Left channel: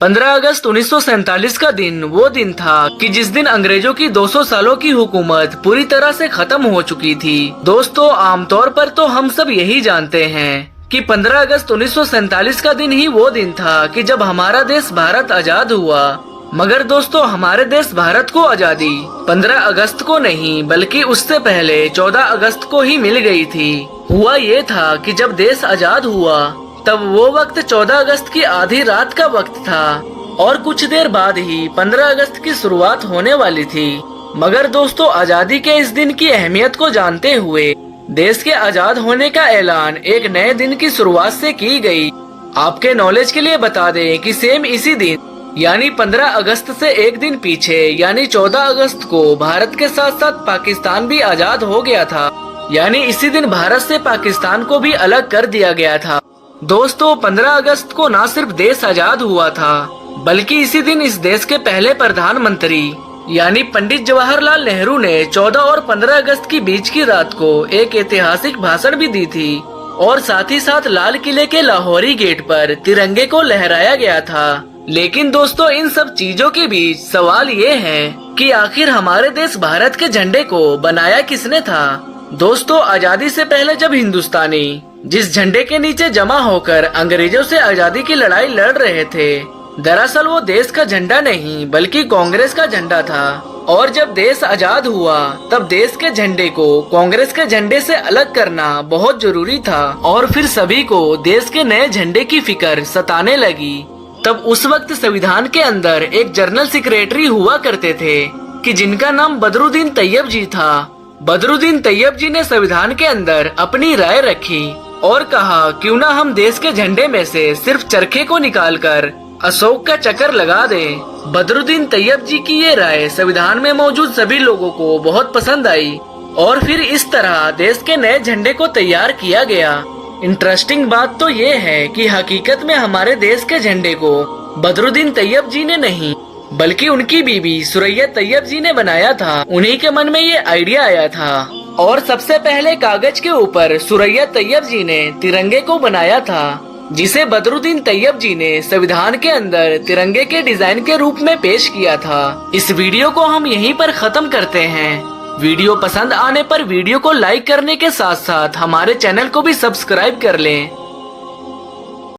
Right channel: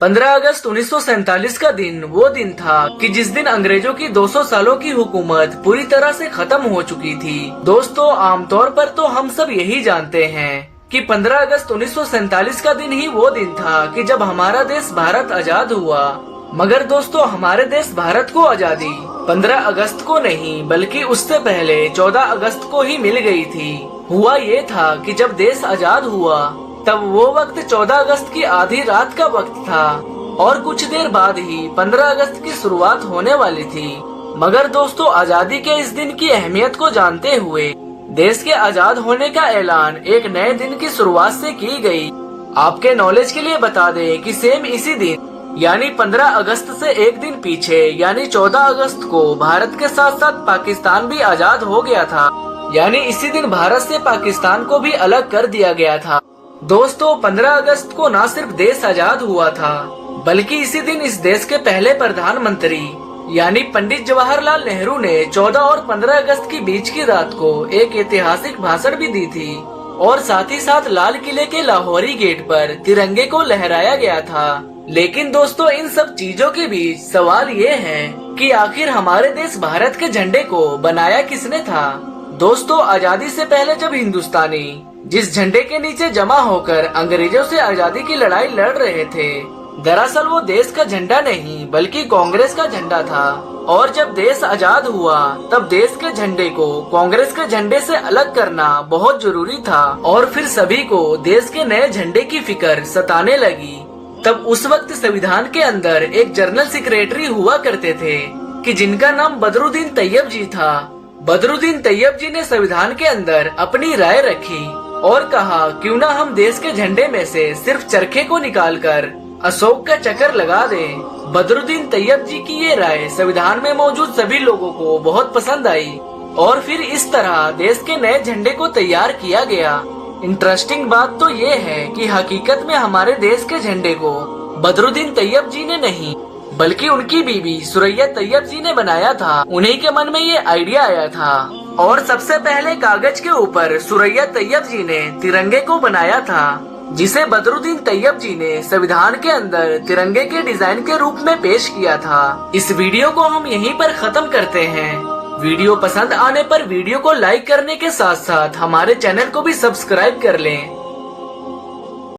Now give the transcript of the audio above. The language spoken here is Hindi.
15 अगस्त 1947 का दिन वो दिन था कि जिस दिन अंग्रेजों की 200 सालों की हुकूमत पूरी तरह से खत्म हो चुकी थी। दोस्तों, आमतौर पर तो हम सब यही जानते हैं कि 15 अगस्त 1947 का दिन ही वो दिन था कि जब हमारा देश भारत आजाद हुआ। मगर दोस्तों, हमारे देश भारत को आजादी 15 अगस्त को नहीं बल्कि उससे पहले 14 अगस्त को ही मिल गई थी। हुआ ये था कि जब देश आजाद हुआ तब वो वक्त 14 अगस्त की आधी रात का वक्त था और कुछ देर बाद ही 15 अगस्त की शुरुआत होने वाली थी। मगर दोस्तों, आजादी के इस दिन की अहमियत को जानते हुए देश के आजाद होने का ऐलान एक नए दिन की शुरुआत से की गई। आपके नॉलेज के लिए बता दें कि सेम इसी दिन यानी 15 अगस्त से एक दिन पीछे यानी 14 अगस्त को भारत के साथ साथ पाकिस्तान भी आजाद हो गया था। यानी इसी दिन भारत से पाकिस्तान को भी अलग कर दिया गया था। दोस्तों, 15 अगस्त को न सिर्फ देश आजाद हुआ था बल्कि इसी दिन इस देश के पहले प्रधानमंत्री यानी पंडित जवाहरलाल नेहरू ने 14 और 15 अगस्त की बीच की रात को एक ऐतिहासिक भाषण भी दी थी और साथ ही साथ लाल किले के लाहौरी गेट पर तिरंगे को लहराया गया था। लेकिन दोस्तों, इन सब चीजों के बीच सवाल ये है कि आखिर हमारे देश भारत के झंडे को बनाया किसने था। दोस्तों, आजादी से पहले जब हिंदुस्तानी जिस झंडे के नीचे जमा होकर अंग्रेजों से आजादी की लड़ाई लड़ रहे थे, दरअसल वो देश का झंडा नहीं बल्कि कांग्रेस का झंडा था। और जब देश आजाद हुआ तब देश के झंडे को कांग्रेस के झंडे से अलग करना बहुत जरूरी था। और फिर सभी को देश के नए झंडे की फिक्र सताने लगी। तब उस वक्त संविधान के अंदर एक जनरल सेक्रेटरी हुआ करते थे कि जिनका नाम बदरुद्दीन तैयब जी था। बदरुद्दीन तैयब जी ने संविधान के अंदर अपनी राय रखी और कहा क्यों न हम देश के झंडे में से सिर्फ चरखे को निकालकर अशोक का चक्कर लगा दें। बदरुद्दीन तैयब जी की ये राय संविधान में मौजूद सभी लोगों को बहुत पसंद आई और फिर इस तरह देश के नए झंडे को तैयार किया गया। इंटरेस्टिंग बात तो ये है कि हकीकत में हमारे देश के झंडे को बदरुद्दीन तैयब जी ने नहीं बल्कि उनकी बीबी सुरैया तैयब जी ने बनाया था। उन्हीं के मन में ये आइडिया आया था और सबसे पहले कागज के ऊपर सुरैया तैयब जी ने तिरंगे को बनाया था, जिसे बदरुद्दीन तैयब जी ने संविधान के अंदर तिरंगे के डिजाइन के रूप में पेश किया था। इस वीडियो को हम यहीं पर खत्म करते हैं। वीडियो पसंद आने पर वीडियो को लाइक करने के साथ साथ हमारे चैनल को भी सब्सक्राइब कर लें।